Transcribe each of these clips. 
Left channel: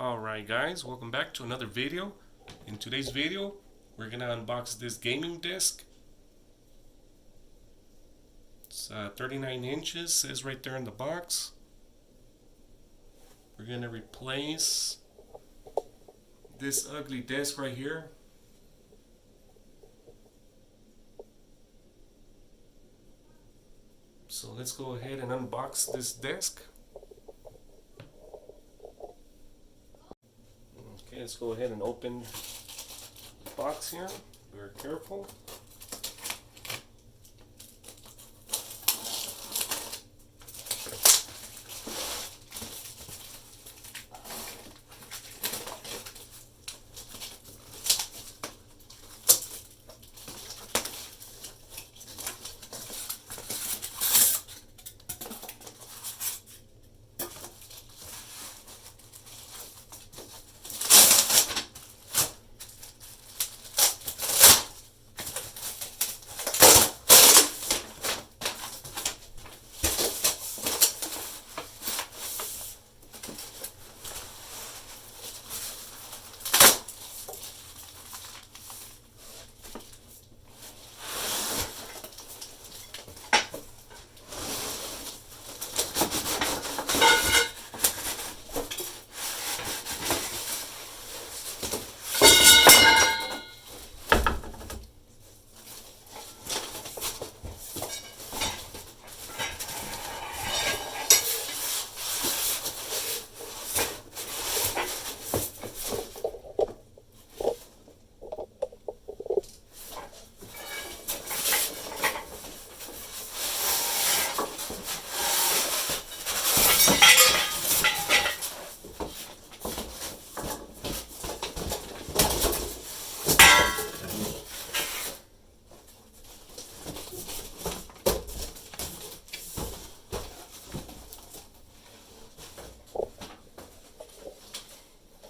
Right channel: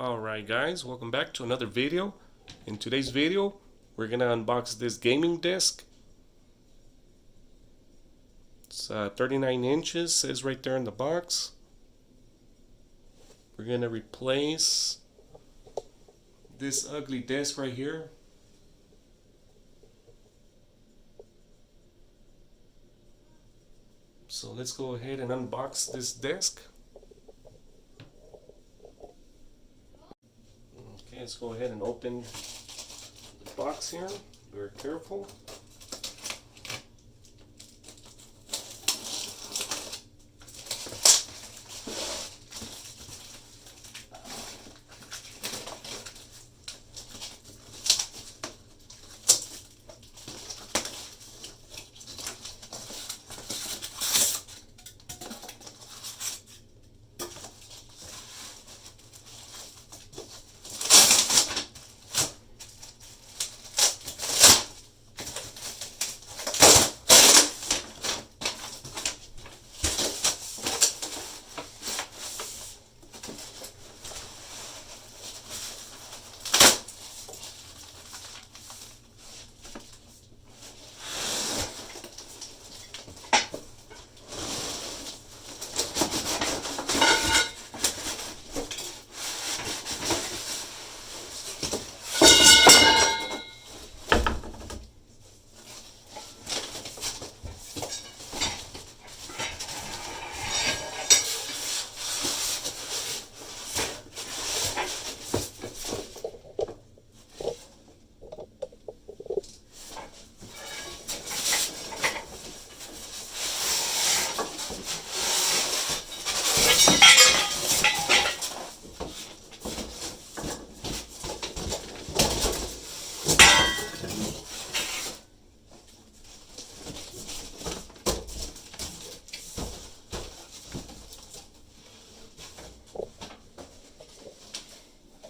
Alright guys, welcome back to another video. In today's video, we're gonna unbox this gaming desk. It's 39 inches, says right there in the box. We're gonna replace this ugly desk right here. So let's go ahead and unbox this desk. Okay, let's go ahead and open the box here. Very careful.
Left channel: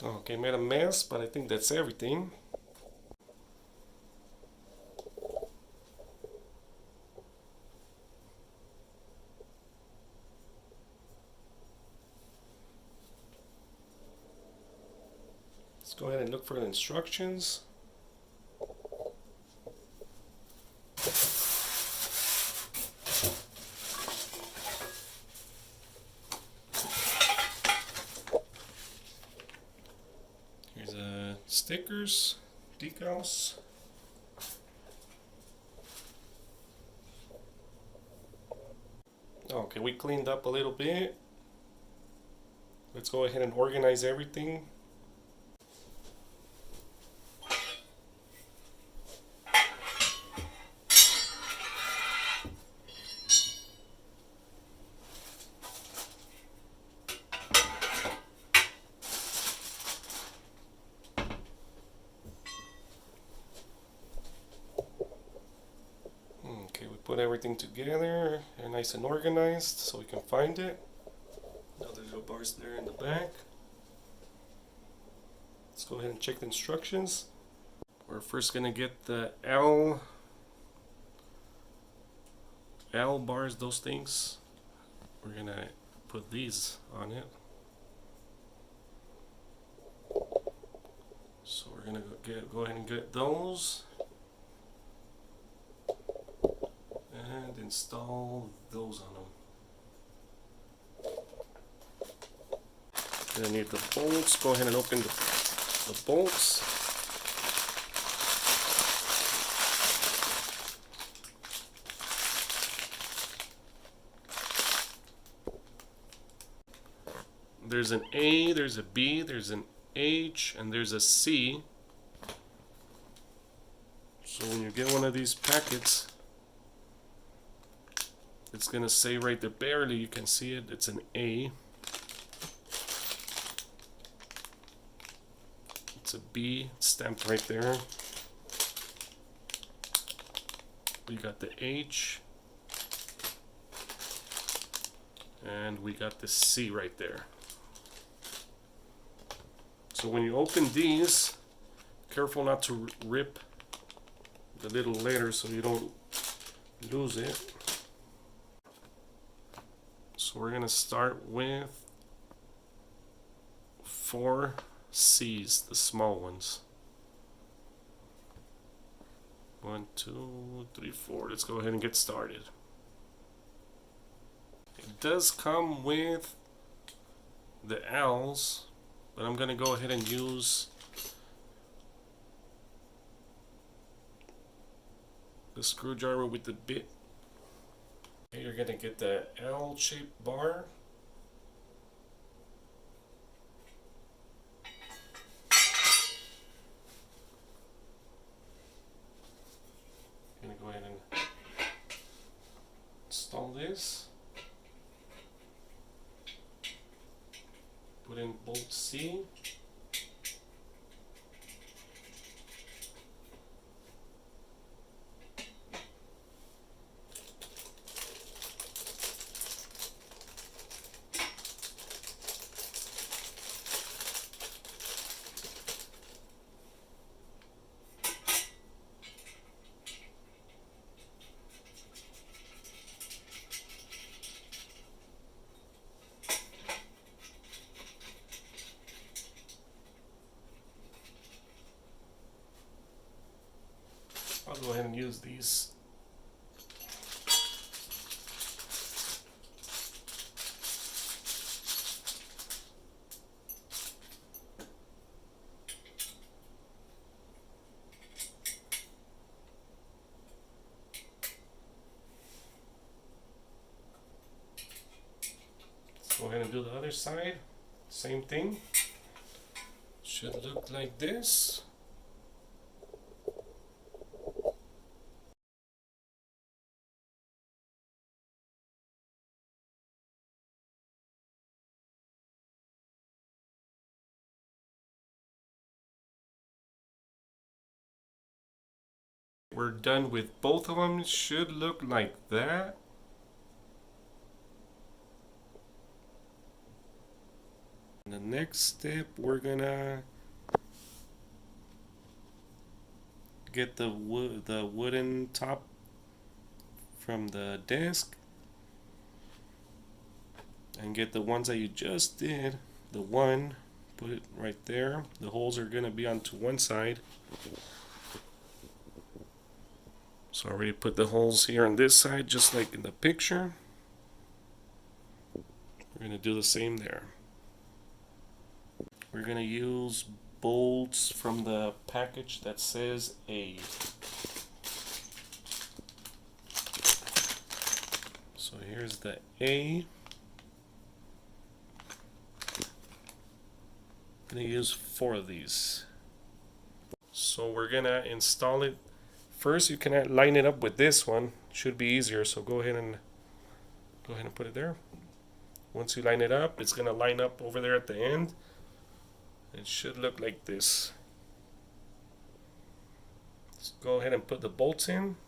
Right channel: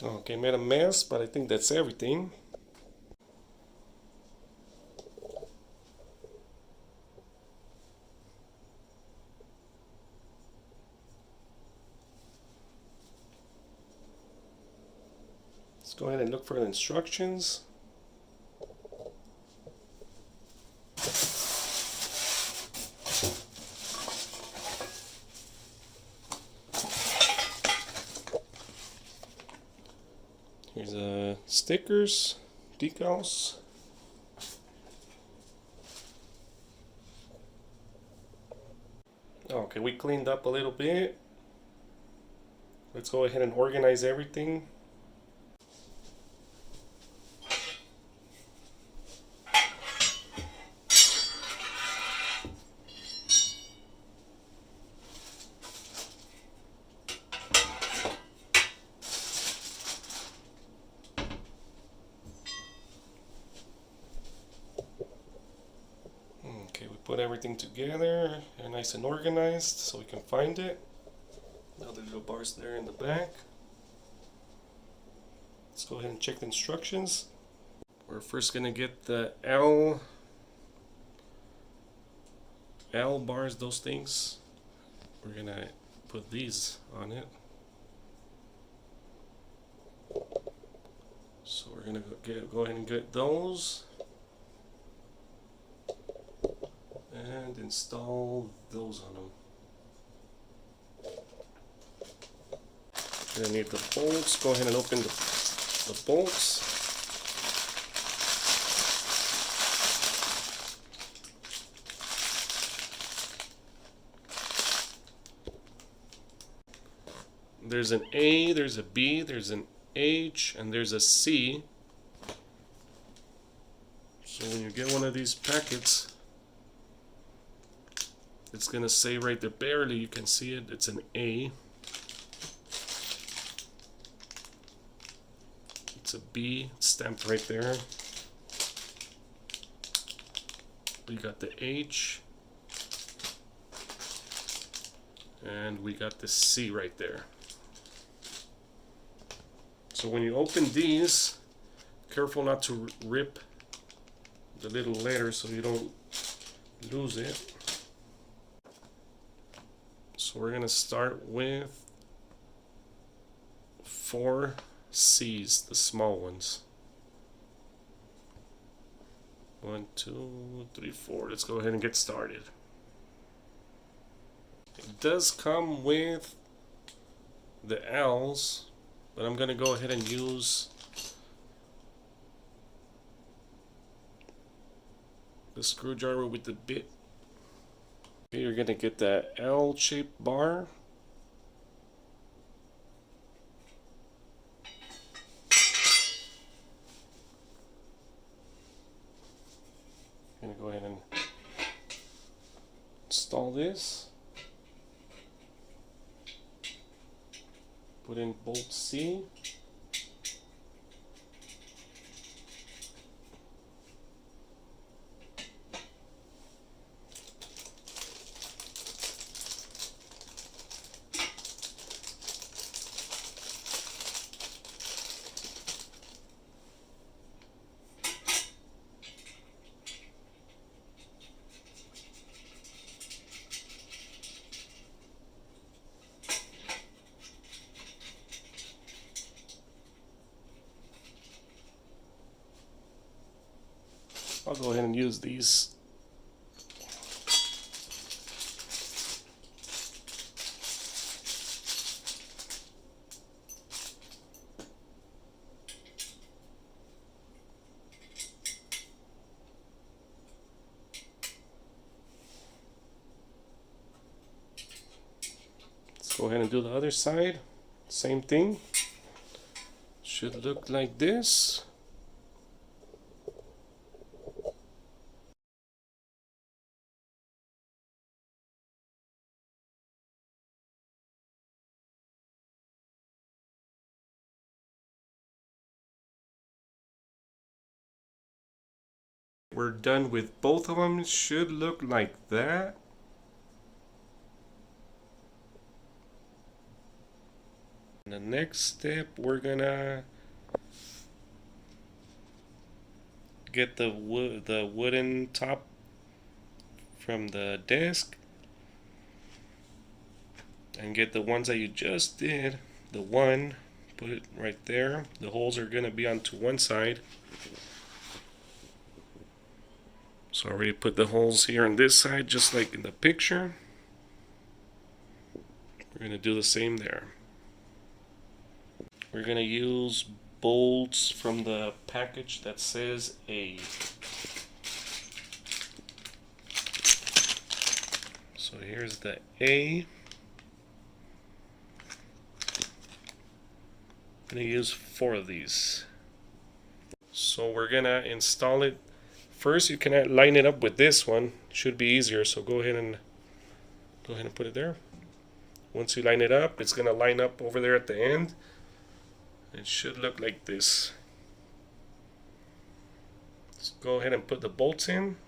Okay, made a mess, but I think that's everything. Let's go ahead and look for the instructions. Here's stickers, decals. Okay, we cleaned up a little bit. Let's go ahead and organize everything. Okay, we put everything together and nice and organized so we can find it. Now the little bars there in the back. Let's go ahead and check the instructions. We're first gonna get the L bars, those things. We're gonna put these on it. So we're gonna go ahead and get those. And install those on them. Gonna need the bolts. Go ahead and open the bolts. There's an A, there's a B, there's an H, and there's a C. So when you get one of these packets, it's gonna say right there, barely you can see it, it's an A. It's a B, stamped right there. We got the H. And we got the C right there. So when you open these, careful not to rip the little letters so you don't lose it. So we're gonna start with 4 C's, the small ones. 1, 2, 3, 4. Let's go ahead and get started. It does come with the L's, but I'm going to go ahead and use the screwdriver with the bit. You're going to get that L-shaped bar. I'm going to go ahead and install this. Put in bolt C. I'll go ahead and use these. Let's go ahead and do the other side. Same thing. Should look like this. We're done with both of them. It should look like that. And the next step, we're gonna get the wooden top from the desk and get the ones that you just did. The one, put it right there. The holes are gonna be onto one side. So I already put the holes here on this side, just like in the picture. We're gonna do the same there. We're gonna use bolts from the package that says A. So here's the A. I'm gonna use 4 of these. So we're gonna install it. First, you can line it up with this one. Should be easier. So go ahead and put it there. Once you line it up, it's gonna line up over there at the end. It should look like this. Let's go ahead and put the bolts in.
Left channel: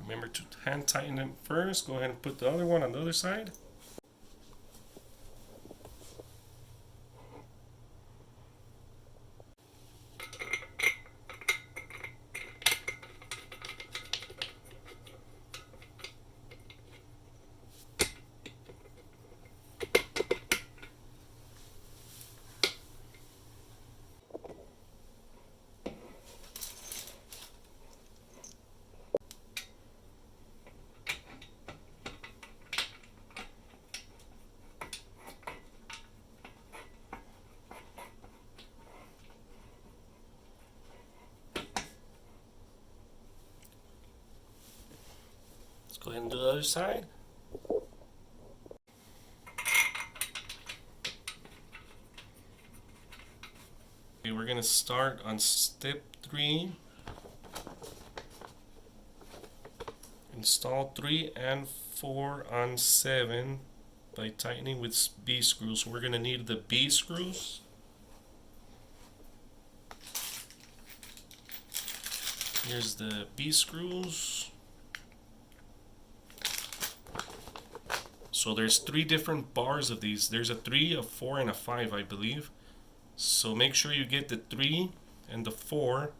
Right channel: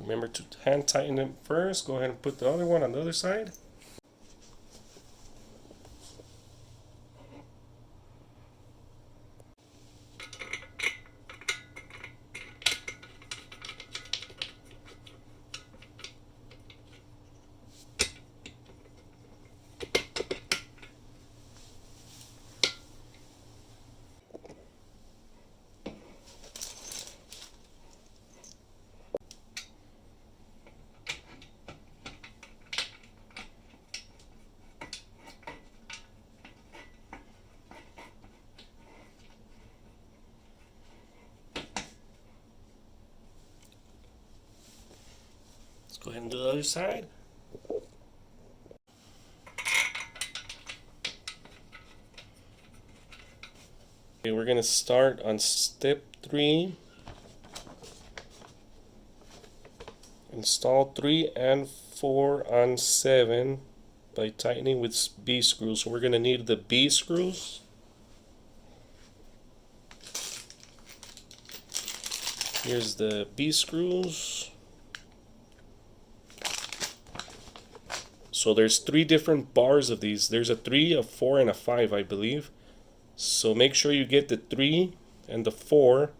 Remember to hand tighten it first. Go ahead and put the other one on the other side. Let's go ahead and do the other side. Okay, we're gonna start on step 3. Install 3 and 4 on 7 by tightening with B screws. So we're gonna need the B screws. Here's the B screws. So there's 3 different bars of these. There's a 3, a 4, and a 5, I believe. So make sure you get the 3 and the 4,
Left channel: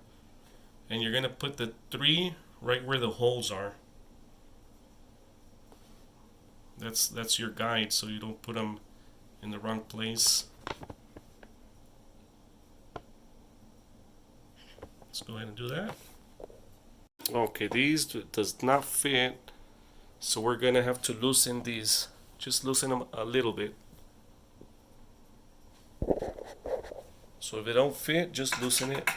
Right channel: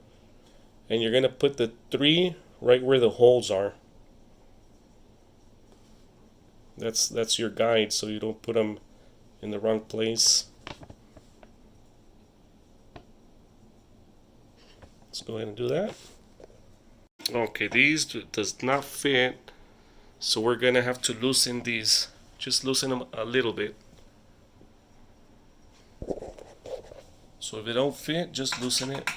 and you're gonna put the 3 right where the holes are. That's your guide, so you don't put them in the wrong place. Let's go ahead and do that. Okay, these does not fit, so we're gonna have to loosen these. Just loosen them a little bit. So if they don't fit, just loosen it.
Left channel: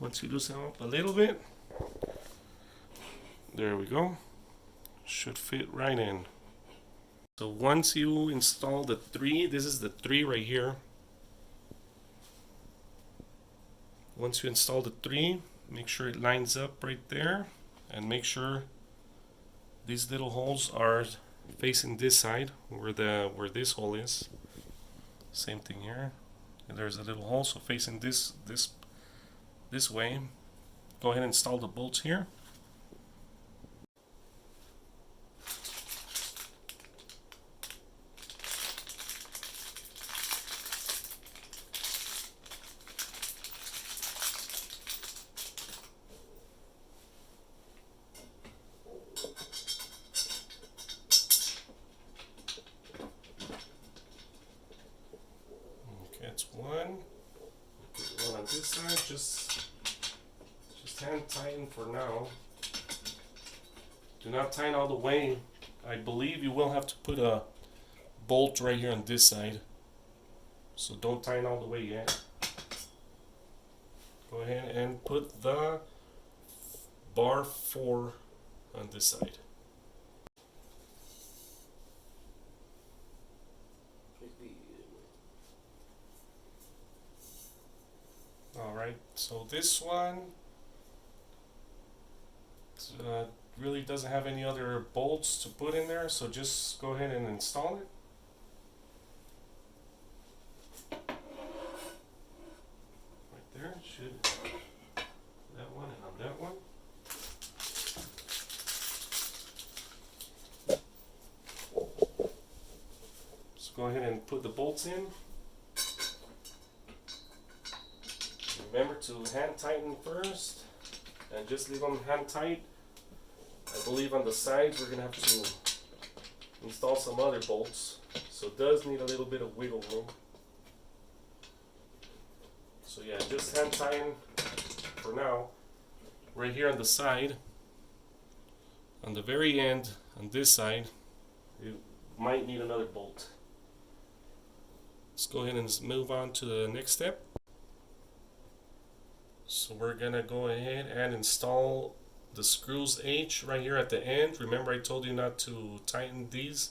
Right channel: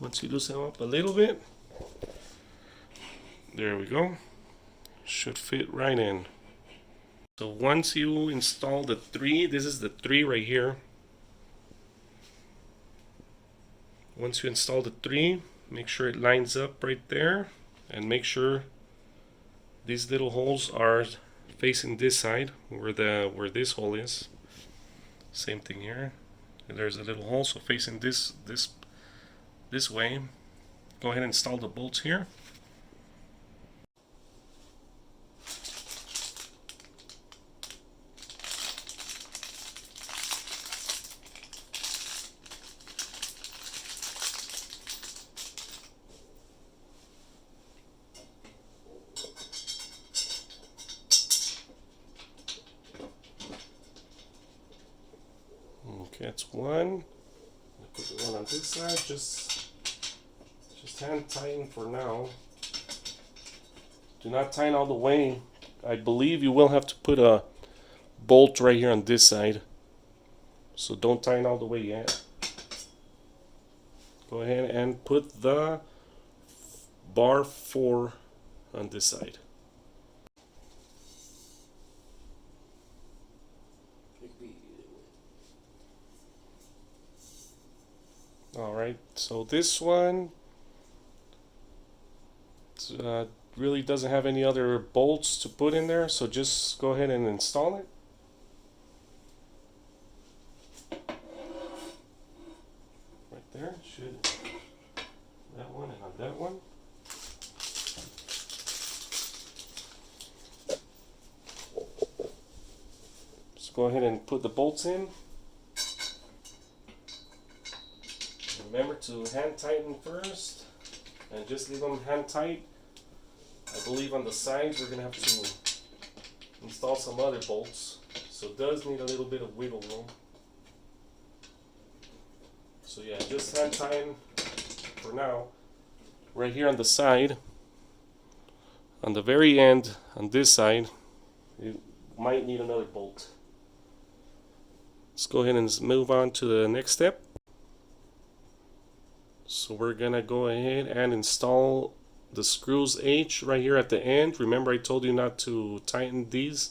Once you loosen them up a little bit, there we go. Should fit right in. So once you install the 3, this is the 3 right here. Once you install the 3, make sure it lines up right there, and make sure these little holes are facing this side where this hole is. Same thing here. And there's a little hole, so facing this way. Go ahead and install the bolts here. Okay, that's one. Put the one on this side. Just hand tighten for now. Do not tighten all the way. I believe you will have to put a bolt right here on this side. So don't tighten all the way yet. Go ahead and put the bar 4 on this side. Alright, so this one really doesn't have any other bolts to put in there, so just go ahead and install it. Right there, should that one and on that one. So go ahead and put the bolts in. Remember to hand tighten first, and just leave them hand tight. I believe on the sides we're gonna have to install some other bolts, so it does need a little bit of wiggle room. So yeah, just hand tighten for now. Right here on the side, on the very end, on this side, you might need another bolt. Let's go ahead and move on to the next step. So we're gonna go ahead and install the screws H right here at the end. Remember I told you not to tighten these.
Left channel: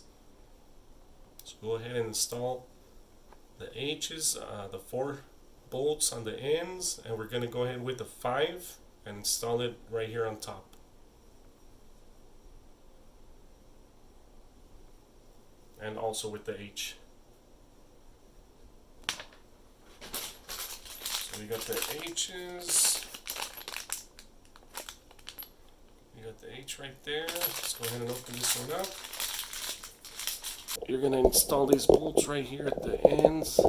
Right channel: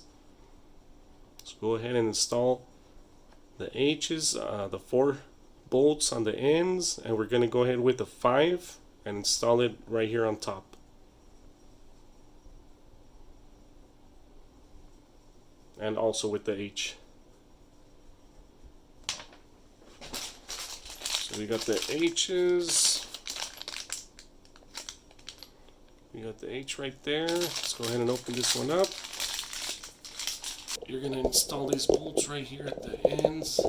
So go ahead and install the H's, the 4 bolts on the ends, and we're gonna go ahead with the 5 and install it right here on top. And also with the H. So we got the H's. We got the H right there. Let's go ahead and open this one up. You're going to install these bolts right here at the ends.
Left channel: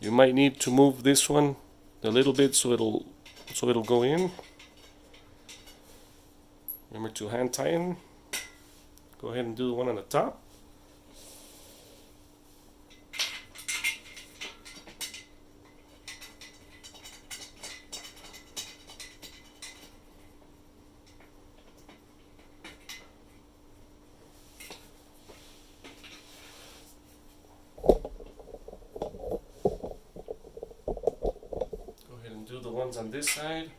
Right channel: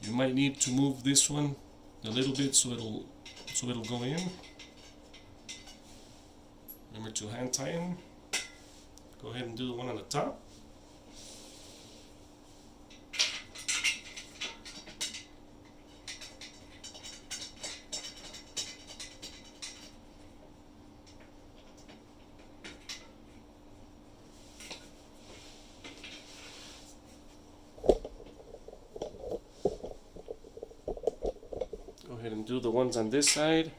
You might need to move this one a little bit so it'll go in. Remember to hand tighten. Go ahead and do the one on the top. Go ahead and do the ones on this side.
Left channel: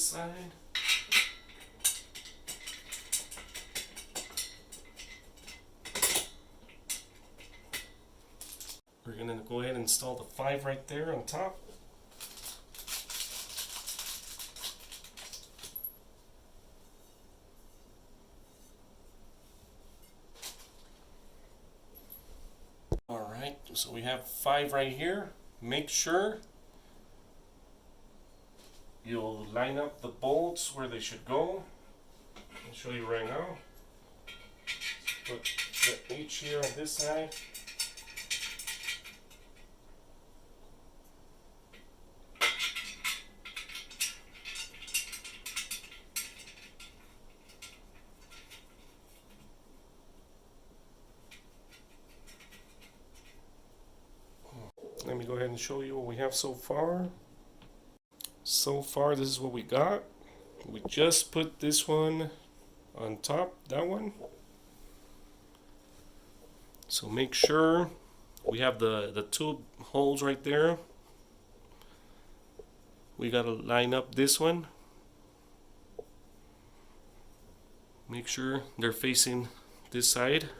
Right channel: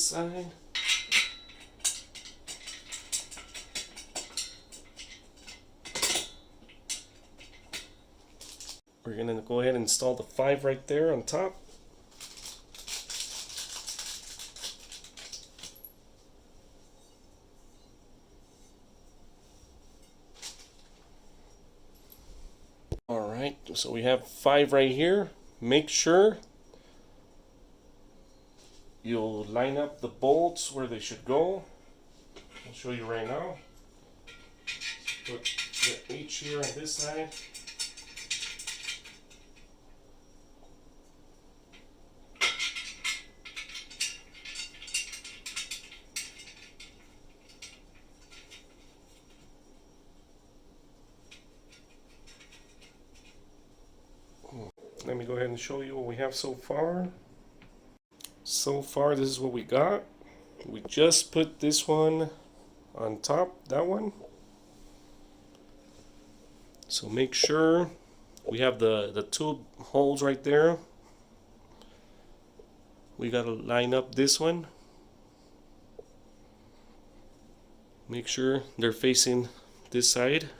this side. We're going to go ahead and install the 5 right there on top. Alright, so we have 5 right here. Make sure you'll line up the bolts where they should go. I'll show you right now. Put the H here on this side. Let me go ahead and show you what we have so far. So far, this is what we got. We just put this one on top, that one. So make sure we have the 2 holes right there. We gotta line up this one. Make sure they're facing this side.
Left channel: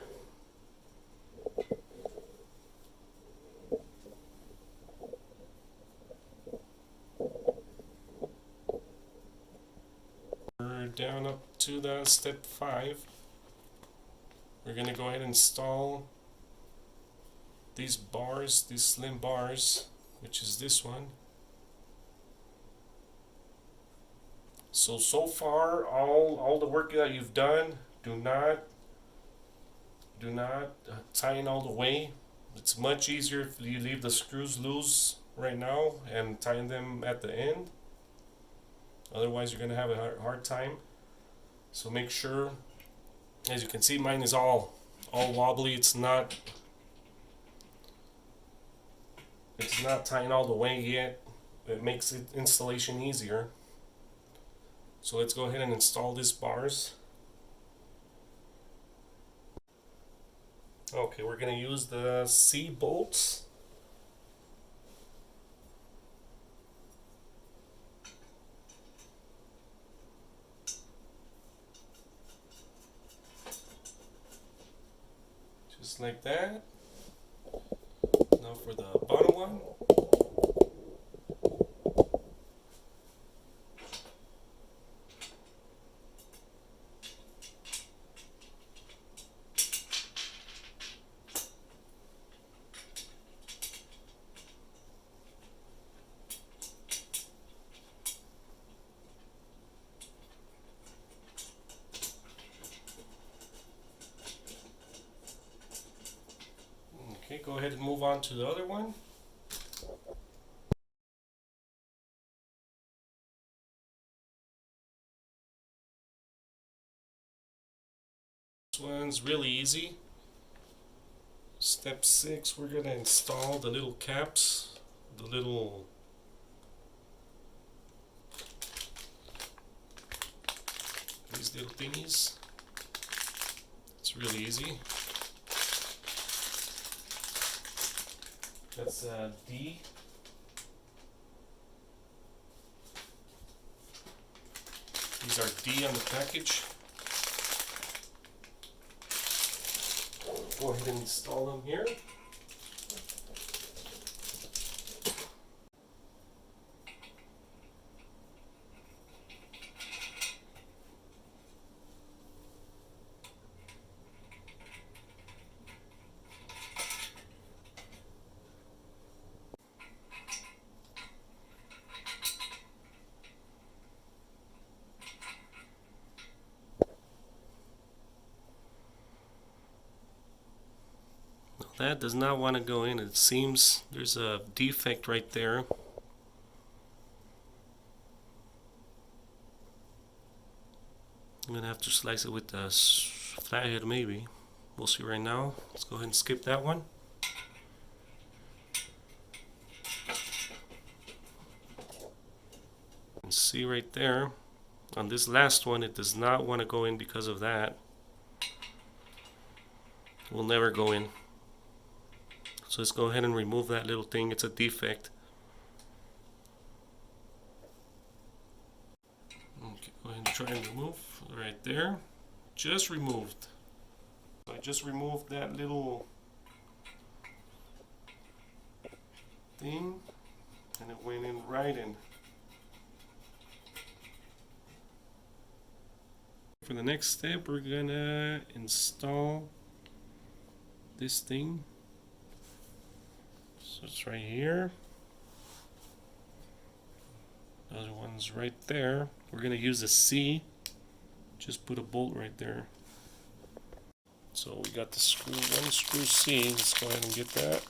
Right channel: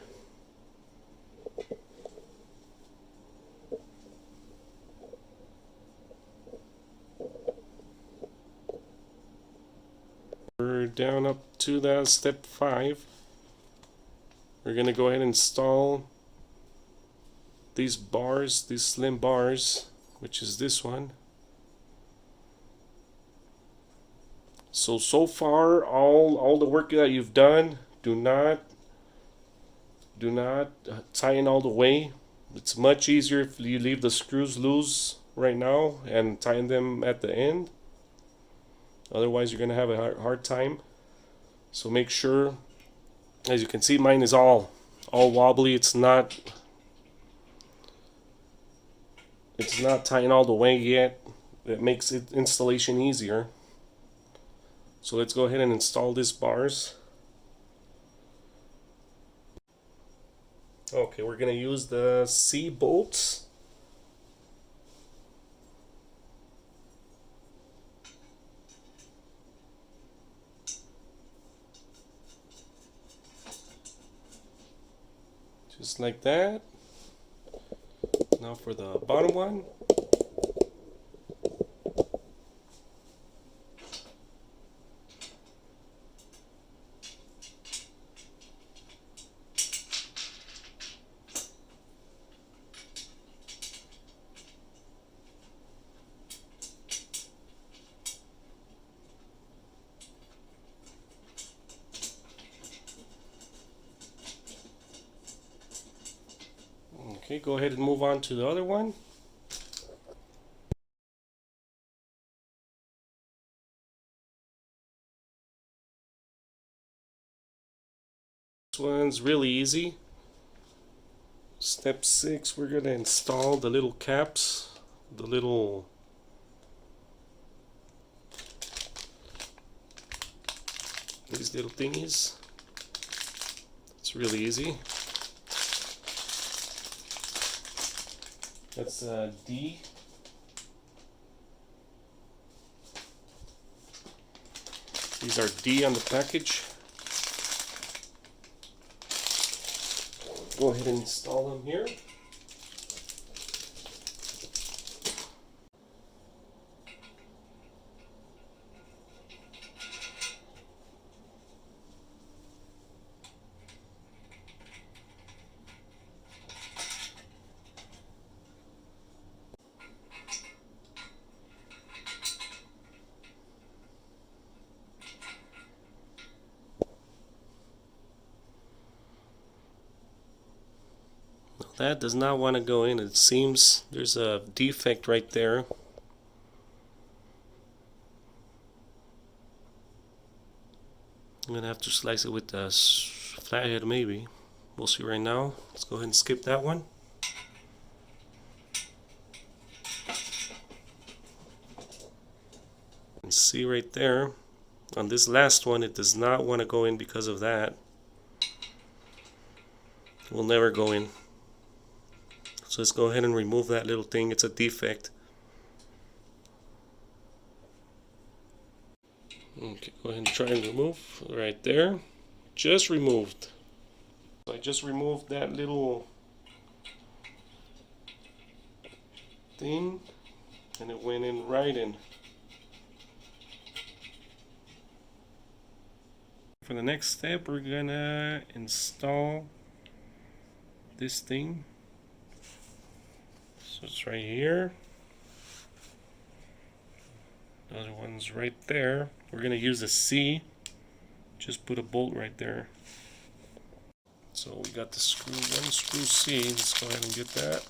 We're down up to that step 5. We're gonna go ahead and install these bars, these slim bars, which is this one. So far, all the work that you've done, do not tie in all the way. It's much easier if you leave the screws loose right now and tie them at the end. Otherwise, you're gonna have a hard time. So make sure, as you can see, mine is all wobbly. It's not tying all the way yet. It makes it installation easier. So let's go ahead and install these bars. Okay, we're gonna use the C bolts. Just like that. Now for the bottom one. Okay, go ahead and move on to the other one. This one's really easy. Step 6, we're going to install the little caps, these little thingies. It's really easy. That's D. These are D on the package. Go ahead and install them here. That does not want to go in. It seems there's a defect right there. I'm gonna have to slice it with a flathead maybe. We'll see right now. Let's go ahead and skip that one. And see right there, on this last one, it does not want to go in because of that. It will never go in. So let's go ahead and remove that little thing. It's a defect. Okay, go ahead and try and remove right there. Just removed. So I just removed that little thing and it went in right in. For the next step, we're gonna install this thing. So it's right here. Another one's right there. We're gonna use a C. Just put a bolt right there. So we got the screw, one screw C. Let's go ahead and get that.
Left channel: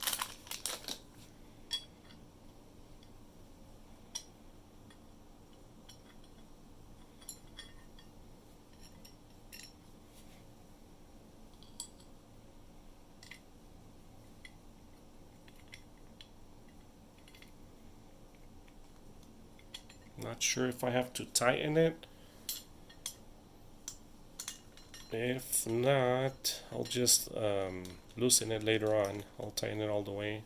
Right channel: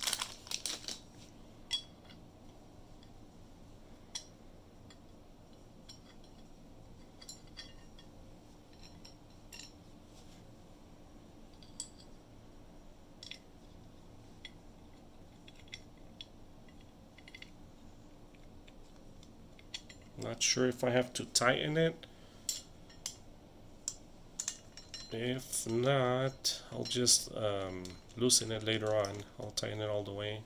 Not sure if I have to tighten it. If not, I'll just loosen it later on. I'll tighten it all the way.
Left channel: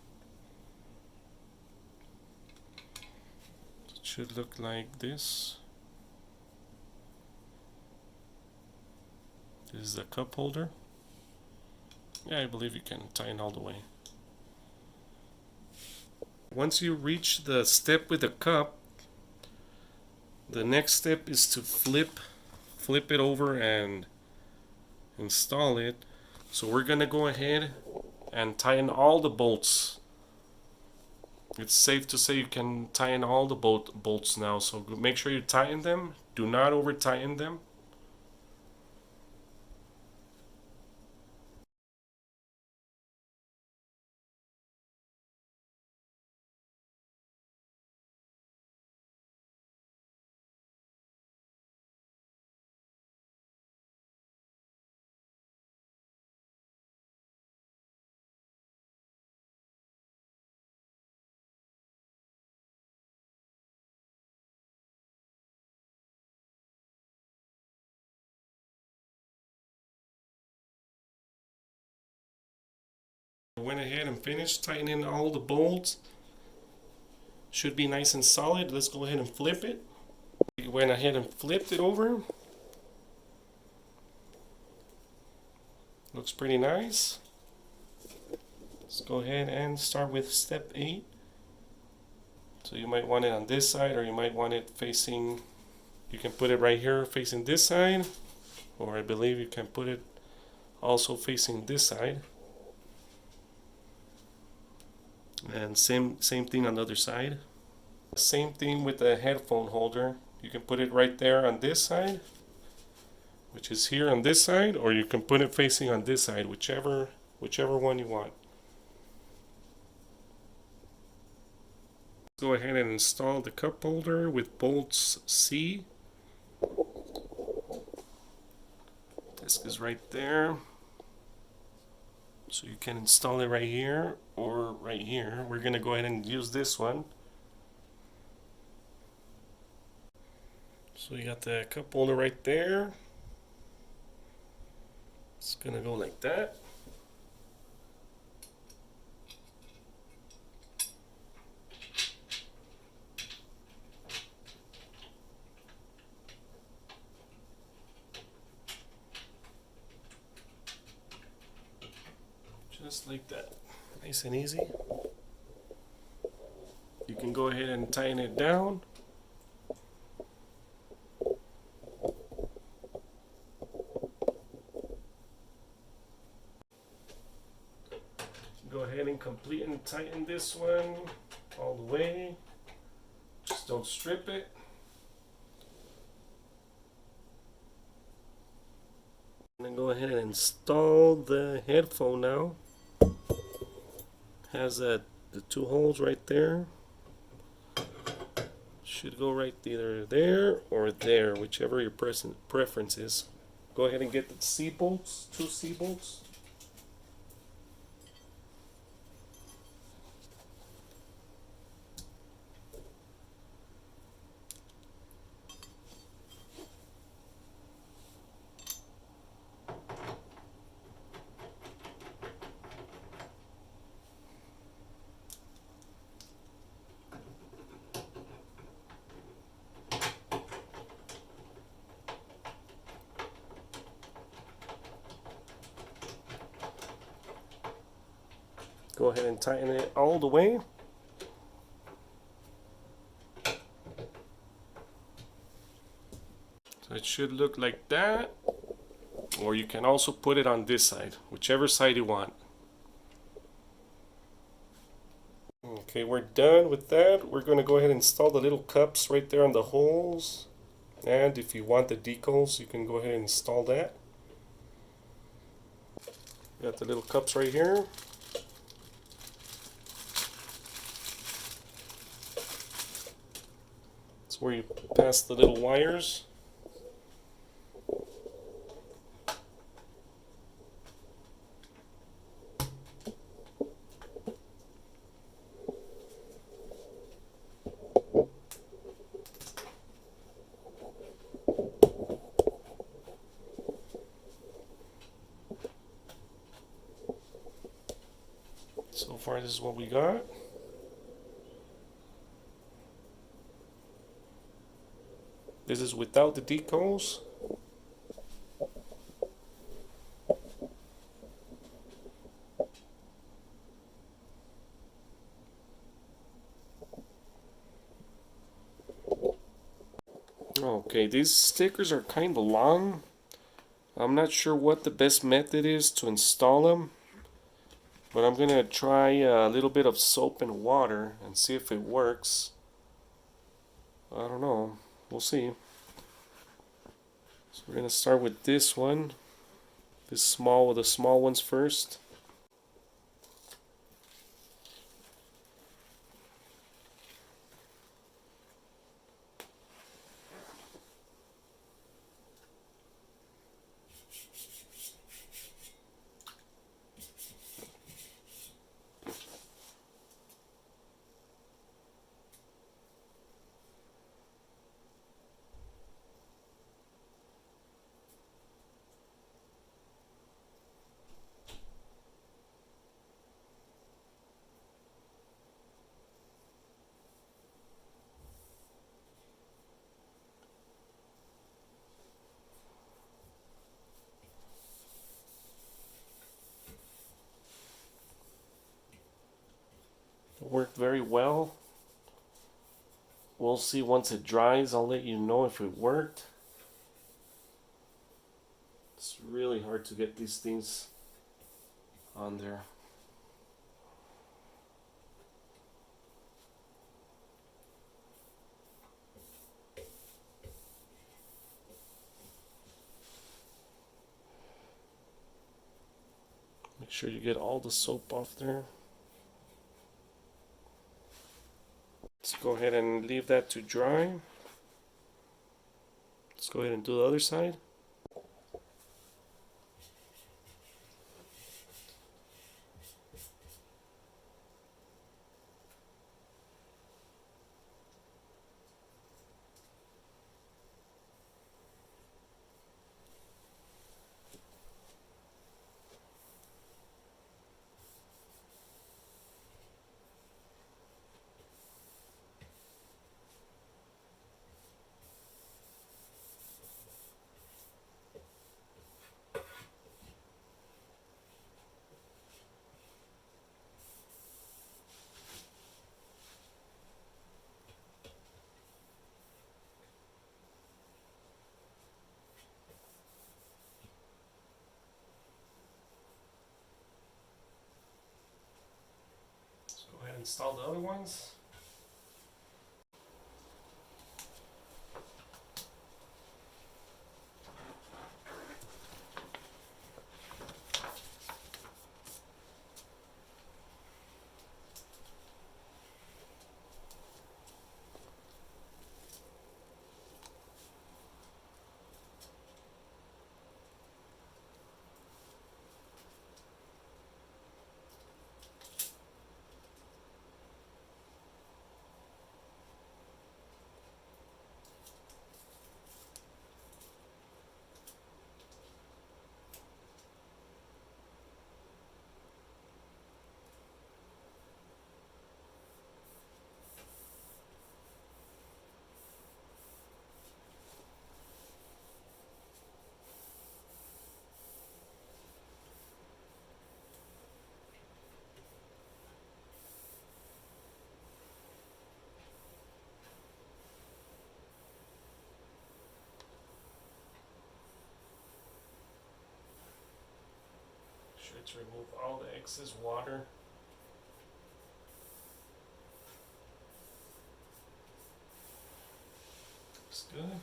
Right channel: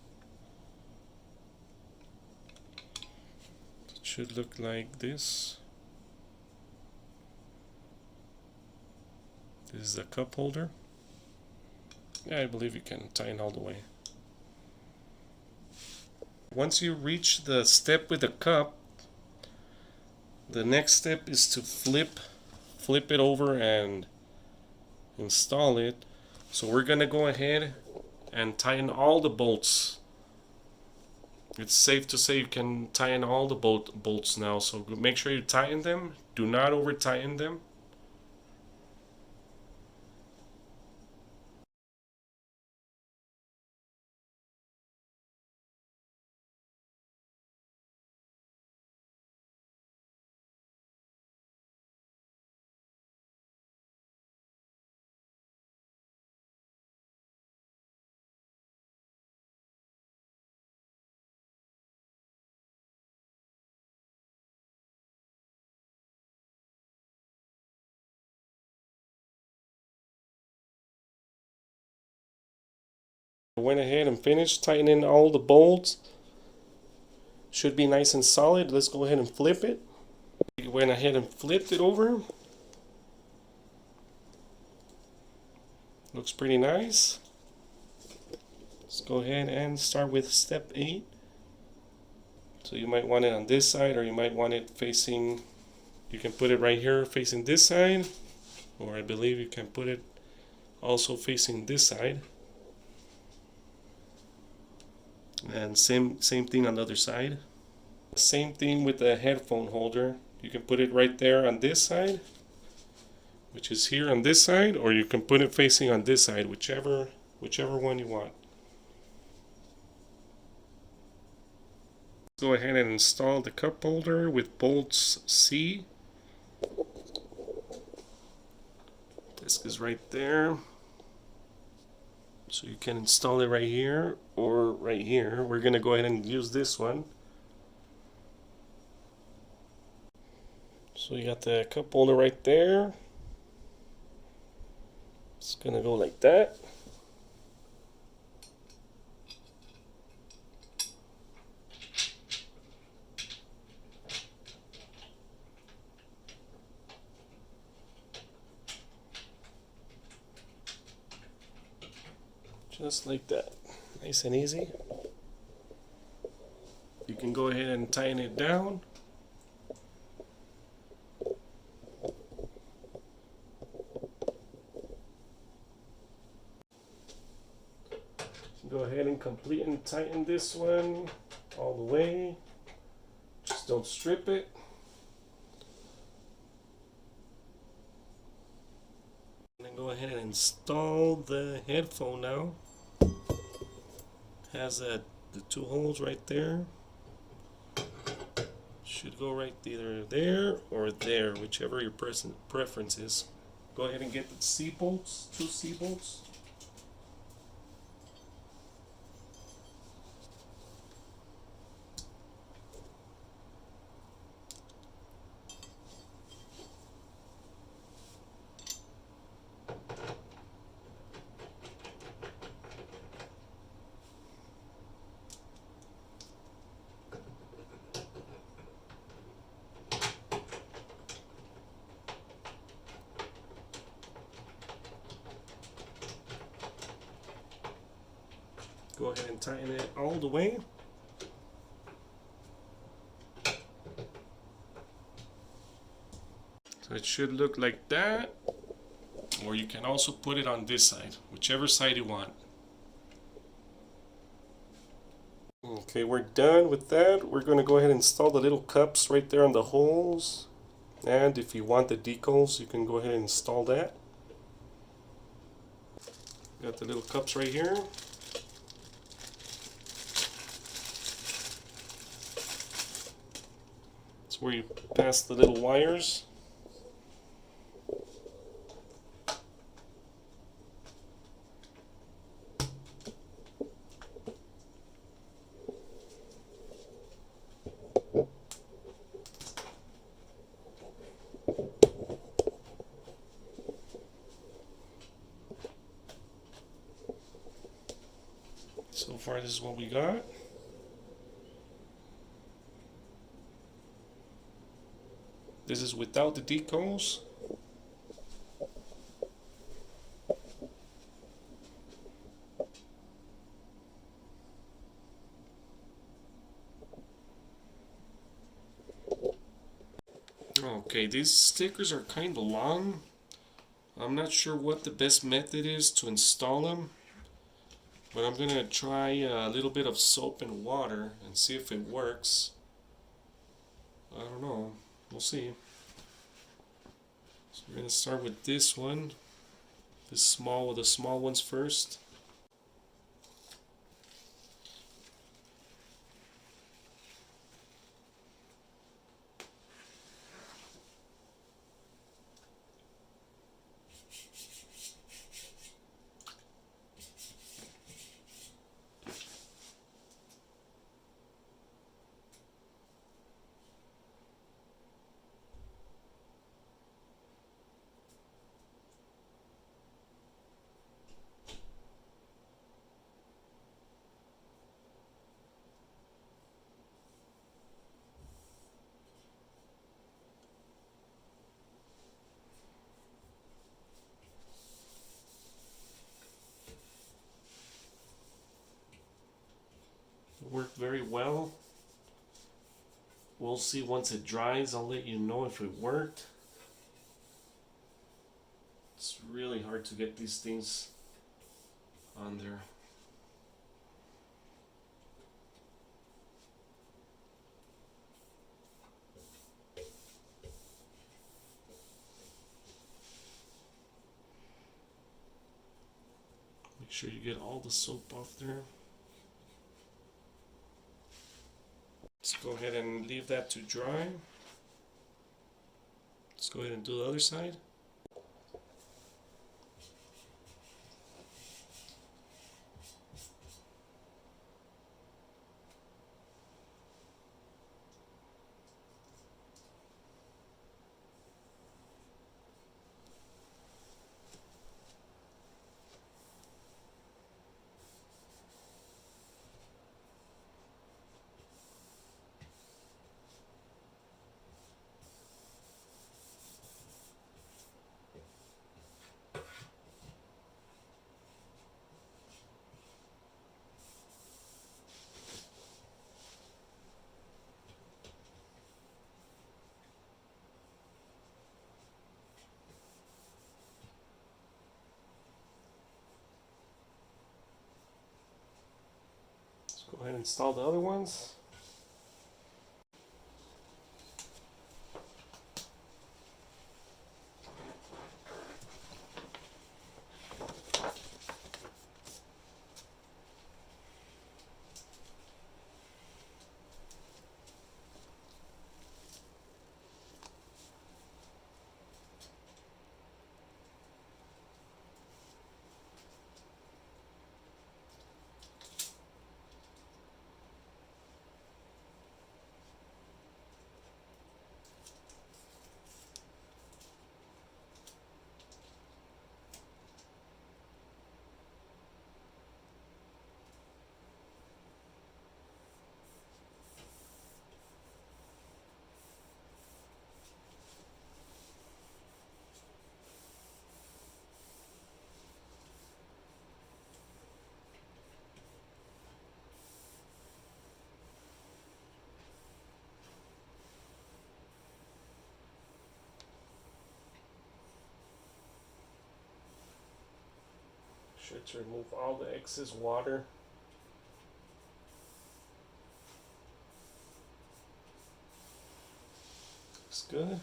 It should look like this. This is the cup holder. Yeah, I believe you can tighten all the way. Once you reach the step with the cup, the next step is to flip it over and install it. So we're gonna go ahead and tighten all the bolts. It's safe to say you can tighten all the bolts now, so make sure you tighten them. Do not over tighten them. I went ahead and finished tightening all the bolts. Should be nice and solid. Let's go ahead and flip it. We went ahead and flipped it over. Looks pretty nice. Let's go ahead and start with step 8. So you might want it on this side, or you might want it facing, you can put it right here facing this side, or I believe you can put it also facing this side. And same thing on the other side. Same thing with the headphone holder. You can put it right there on this side, which is here on this side, or you can put it facing on this side, whichever one you want. Go ahead and install the cup holder with bolts C. Disc is right there. So you can install it right here or right here. We're gonna go ahead and use this one. So you got the cup holder right there. It's gonna go like that. Just like that. Nice and easy. You can go ahead and tighten it down. Go ahead and complete and tighten this one all the way. Just don't strip it. And then go ahead and install the headphone now. Has the 2 holes right there. Should go right either there or there, whichever your preference is. Go ahead and get the C bolts, 2 C bolts. Go ahead and tighten it all the way. So it should look like that. Or you can also put it on this side, whichever side you want. Okay, we're done with that. We're going to go ahead and install the little cups right there on the holes. And if you want the decals, you can go ahead and install that. Got the little cups right here. It's where you pass the little wires. So far, this is what we got. This is without the decals. Okay, these stickers are kind of long. I'm not sure what the best method is to install them, but I'm gonna try a little bit of soap and water and see if it works. I don't know, we'll see. So we're gonna start with this one, the small ones first. It worked very well. We'll see once it dries. I'll let you know if it worked. It's really hard to get these things on there. Make sure you get all the soap off there. Let's go ahead and leave that to dry. Let's go ahead and do the other side. Go ahead and install the other ones. Let's remove all the excess water. It's good.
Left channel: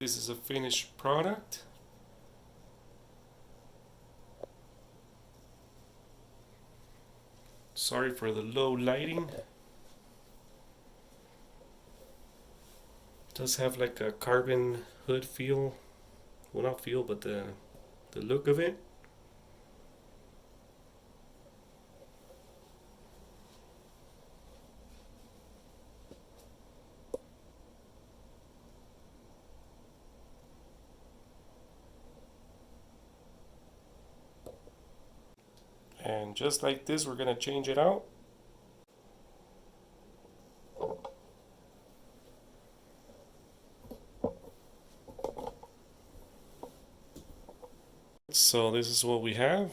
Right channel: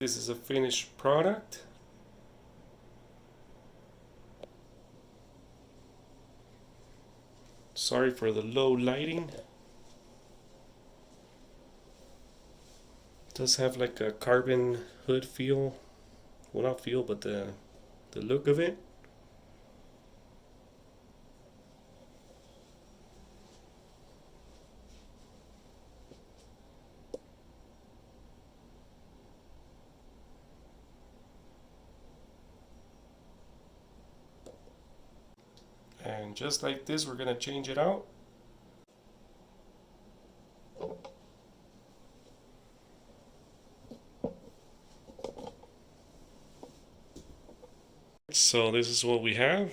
This is a finished product. Sorry for the low lighting. It does have like a carbon hood feel. Well, not feel, but the look of it. And just like this, we're gonna change it out. So this is what we have.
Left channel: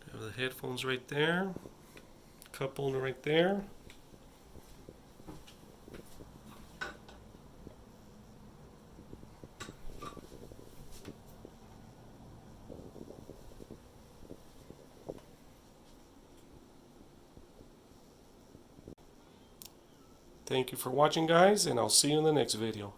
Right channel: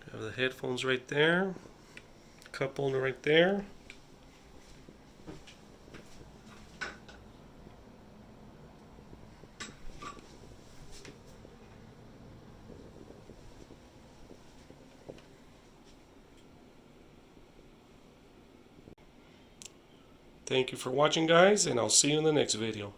We have the headphones right there. Cup holder right there. Thank you for watching, guys, and I'll see you in the next video.